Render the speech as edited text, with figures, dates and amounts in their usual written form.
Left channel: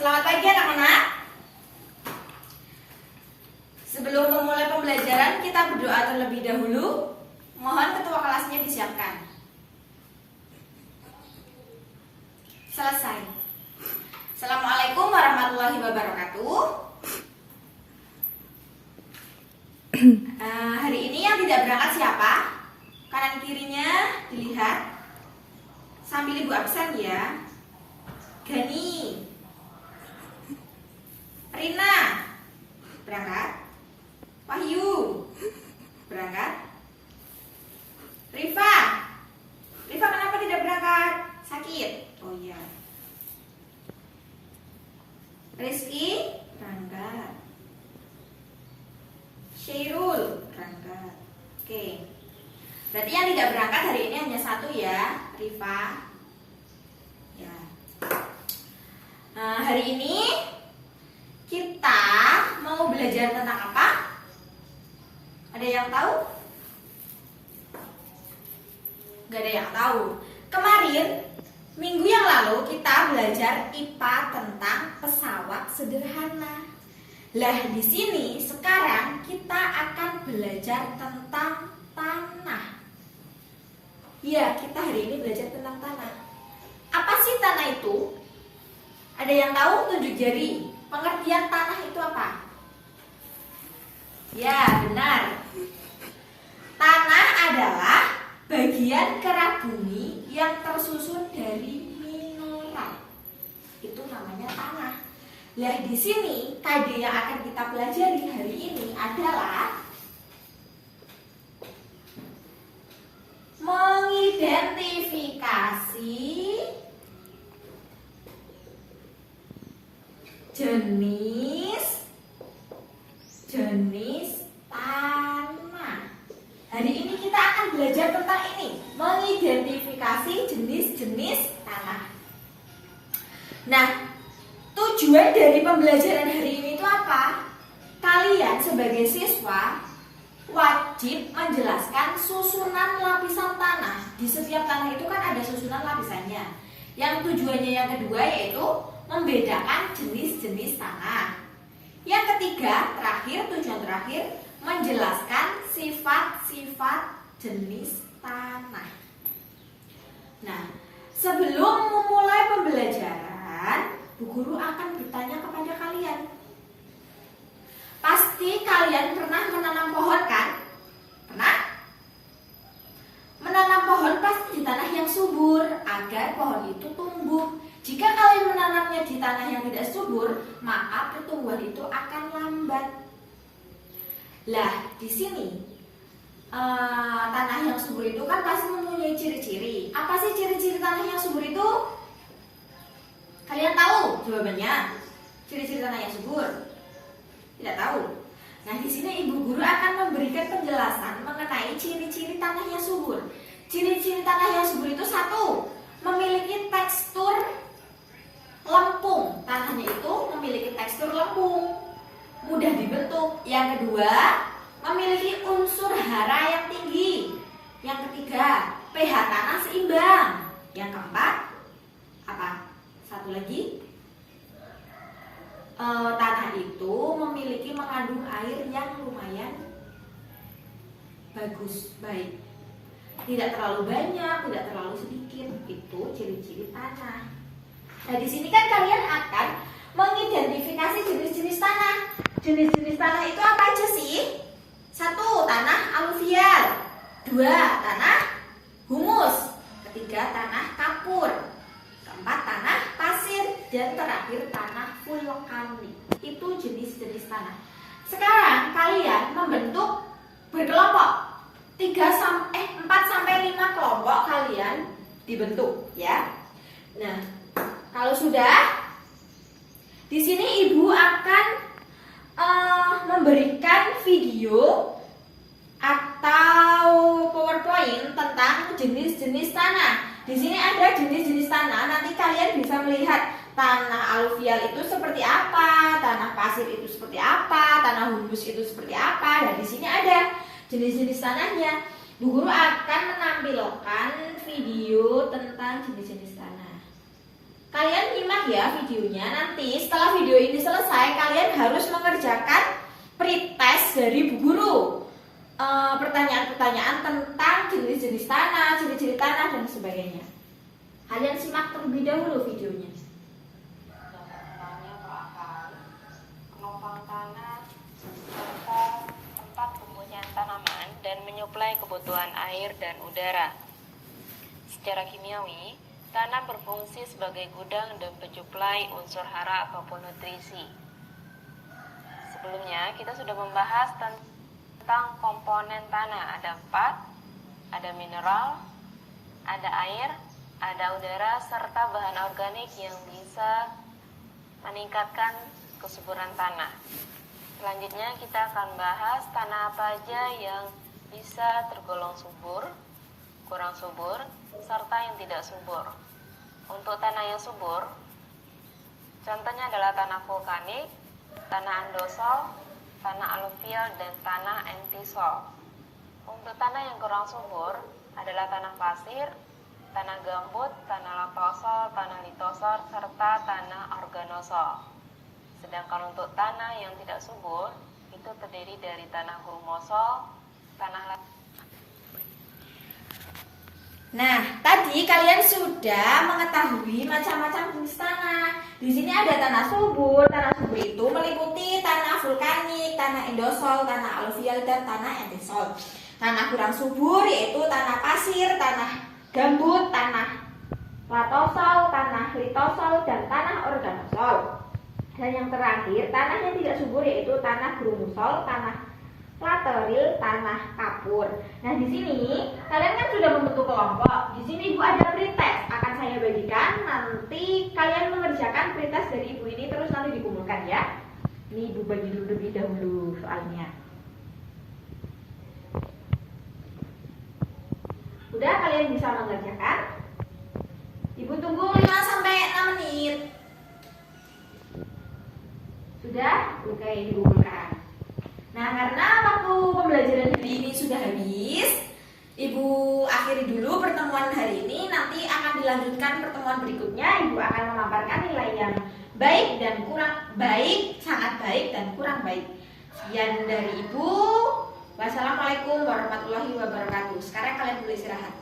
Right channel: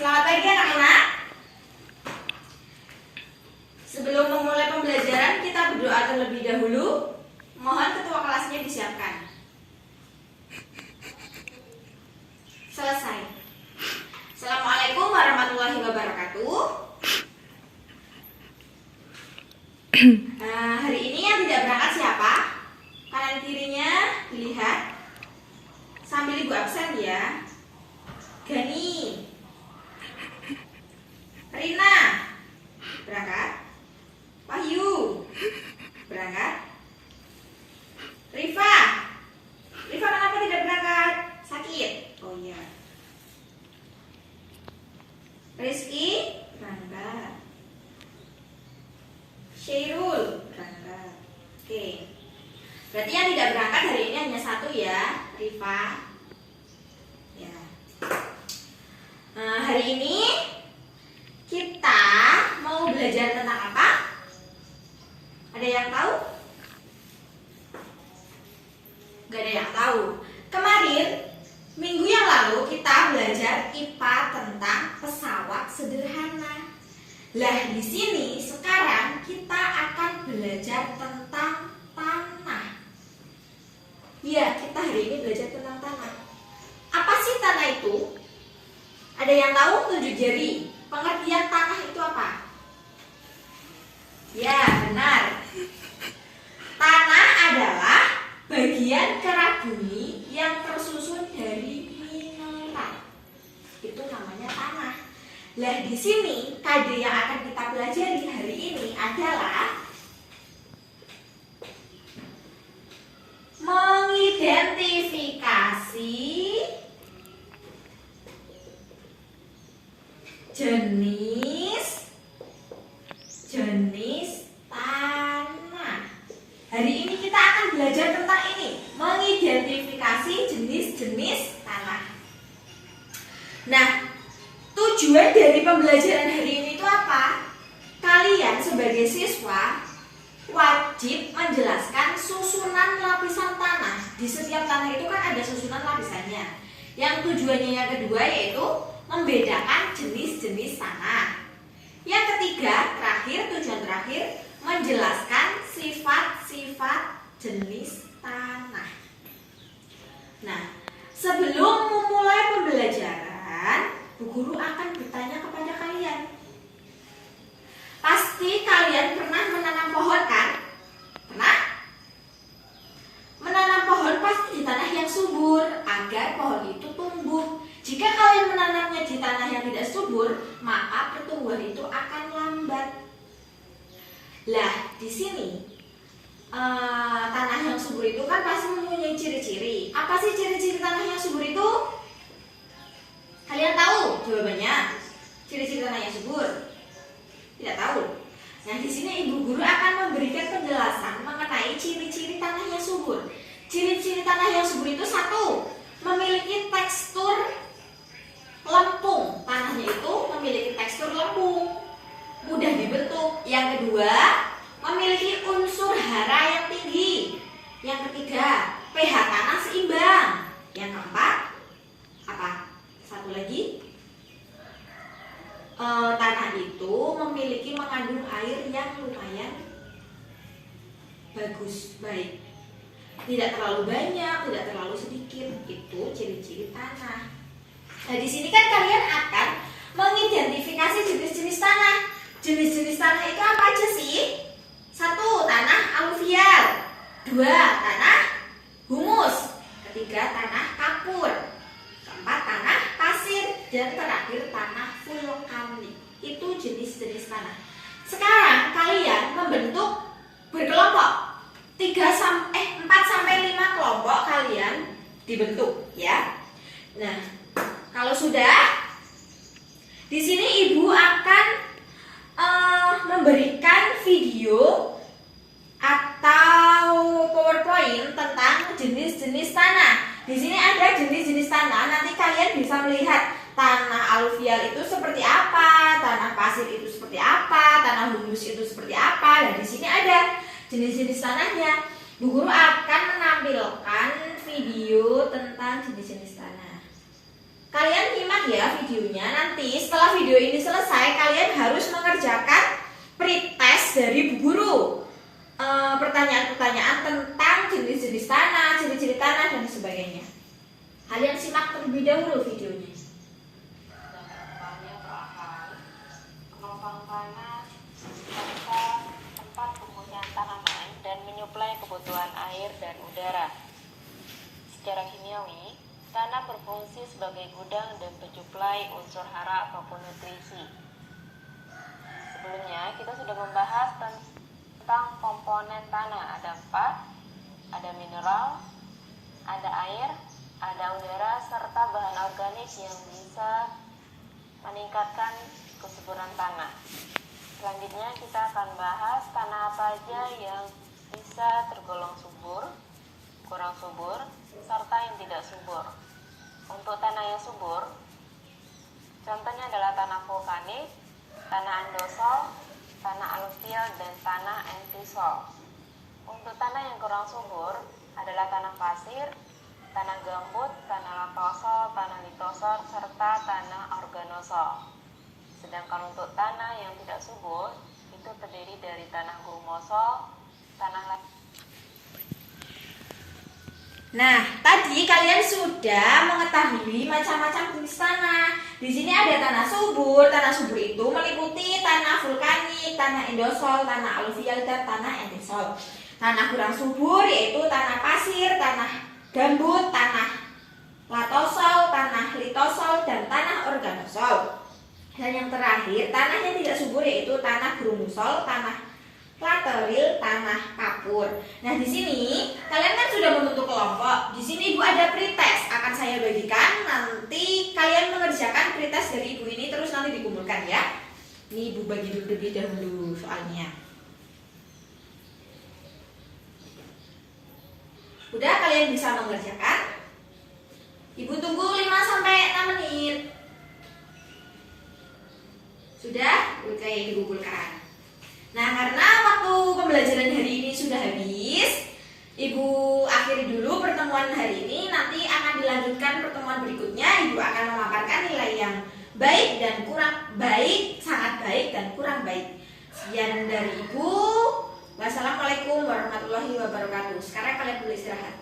Selamat pagi anak-anak. Sebelum memulai pembelajaran, kita berdoa terlebih dahulu. Mohon ketua kelasnya disiapkan. Selesai. Assalamualaikum warahmatullahi wabarakatuh. Hari ini yang tidak berangkat siapa? Kanan kirinya dilihat. Sambil ibu absen ya. Gani, Rina berangkat, Wahyu berangkat, Rifa kenapa tidak berangkat? Sakit? Oh iya. Rizky berangkat, Syairul berangkat. Oke, berarti yang tidak berangkat hari ini hanya satu ya, Rifa ya. Nah, hari ini kita mau belajar tentang apa? Ada yang tahu? Gak ada yang tahu. Kemarin, minggu yang lalu kita belajar IPA tentang pesawat sederhana. Lah di sini sekarang kita akan belajar tentang tanah. Ya, kita hari ini belajar tentang tanah. Apa sih tanah itu? Ada yang tahu? Tunjuk jari. Pengertian tanah itu apa? Ya, benar. Tanah adalah bagian kerak bumi yang tersusun dari mineral. Itu namanya tanah. Lah di sini KD yang akan kita pelajari hari ini adalah mengidentifikasi jenis tanah. Hari ini kita akan belajar tentang ini, mengidentifikasi jenis-jenis tanah. Nah, tujuan dari pembelajaran hari ini itu apa? Kalian sebagai siswa wajib menjelaskan susunan lapisan tanah. Di setiap tanah itu kan ada susunan lapisannya. Yang tujuannya yang kedua yaitu membedakan jenis-jenis tanah. Yang ketiga, tujuan terakhir, menjelaskan sifat-sifat jenis tanah. Nah, sebelum memulai pembelajaran, Bu Guru akan bertanya kepada kalian. Pasti kalian pernah menanam pohon kan? Pernah? Menanam pohon pasti di tanah yang subur agar pohon itu tumbuh. Jika kalian menanamnya di tanah yang tidak subur, maka pertumbuhan itu akan lambat. Lah, di sini tanah yang subur itu kan pasti mempunyai ciri-ciri. Apa sih ciri-ciri tanah yang subur itu? Kalian tahu jawabannya? Ciri-ciri tanah yang subur? Tidak tahu. Nah, di sini Ibu Guru akan memberikan penjelasan mengenai ciri-ciri tanah yang subur. Ciri-ciri tanah yang subur itu satu, memiliki tekstur lempung. Tanahnya itu memiliki tekstur lempung, mudah dibentuk. Yang kedua, memiliki unsur hara yang tinggi. Yang ketiga, pH tanah seimbang. Yang keempat, apa? Satu lagi, tanah itu memiliki mengandung air yang lumayan bagus, baik. Tidak terlalu banyak, tidak terlalu sedikit. Itu ciri-ciri tanah. Nah, di sini kan kalian akan mengidentifikasi jenis-jenis tanah. Jenis-jenis tanah itu apa aja sih? Satu, tanah aluvial. Dua, tanah humus. Ketiga, tanah kapur. Keempat, tanah pasir. Dan terakhir, tanah vulkanik. Itu jenis-jenis tanah. Sekarang kalian membentuk berkelompok. 4 sampai 5 kelompok kalian dibentuk ya. Nah, kalau sudah, di sini Ibu akan memberikan video atau PowerPoint tentang jenis-jenis tanah. Di sini ada jenis-jenis tanah. Nanti kalian bisa melihat tanah aluvial itu seperti apa, tanah pasir itu seperti apa, tanah humus itu seperti apa. Dan di sini ada jenis-jenis tanahnya. Bu Guru akan menampilkan video tentang jenis-jenis tanah. Kalian nyimak ya videonya. Nanti setelah video ini selesai, kalian harus mengerjakan pretest dari Bu Guru. Pertanyaan-pertanyaan tentang jenis-jenis tanah, ciri-ciri tanah, dan sebagainya. Kalian simak terlebih dahulu videonya. Dampaknya perakaran, gelombang tanah, serta tempat tumbuhnya tanaman dan menyuplai kebutuhan air dan udara. Secara kimiawi, tanah berfungsi sebagai gudang dan pensuplai unsur hara ataupun nutrisi. Sebelumnya kita sudah membahas tentang komponen tanah. Ada 4, ada mineral, ada air, ada udara, serta bahan organik yang bisa meningkatkan kesuburan tanah. Selanjutnya kita akan bahas tanah apa aja yang bisa tergolong subur, kurang subur, serta yang tidak subur. Untuk tanah yang subur, contohnya adalah tanah vulkanik, tanah andosol, tanah aluvial, dan tanah entisol. Untuk tanah yang kurang subur adalah tanah pasir, tanah gambut, tanah lapasol, tanah litosol, serta tanah organosol. Sedangkan untuk tanah yang tidak subur itu terdiri dari tanah grumosol, tanah. Nah, tadi kalian sudah mengetahui macam-macam jenis tanah. Di sini ada tanah subur. Tanah subur itu meliputi tanah vulkanik, tanah endosol, tanah aluvial, dan tanah entisol. Tanah kurang subur yaitu tanah pasir, tanah gambut, tanah latosol, tanah litosol, dan tanah organosol. Dan yang terakhir, tanah yang tidak subur yaitu tanah grumusol, tanah lateril, tanah kapur. Nah, di sini kalian kan sudah membentuk kelompok. Di sini Ibu ada pretest akan saya bagikan. Nanti kalian mengerjakan pretest dari Ibu ini terus nanti dikumpulkan ya. Ini Ibu bagi dulu lebih dahulu soalnya. Udah, kalian bisa mengerjakan. Ibu tunggu 5 sampai 6 menit. Sudah? Oke, dikumpulkan. Nah, karena waktu pembelajaran hari ini sudah habis, Ibu akhiri dulu pertemuan hari ini. Nanti akan dilanjutkan pertemuan berikutnya. Ibu akan memaparkan nilai yang baik dan kurang baik, sangat baik dan kurang baik. Sekian dari Ibu. Wassalamualaikum warahmatullahi wabarakatuh. Sekarang kalian boleh istirahat.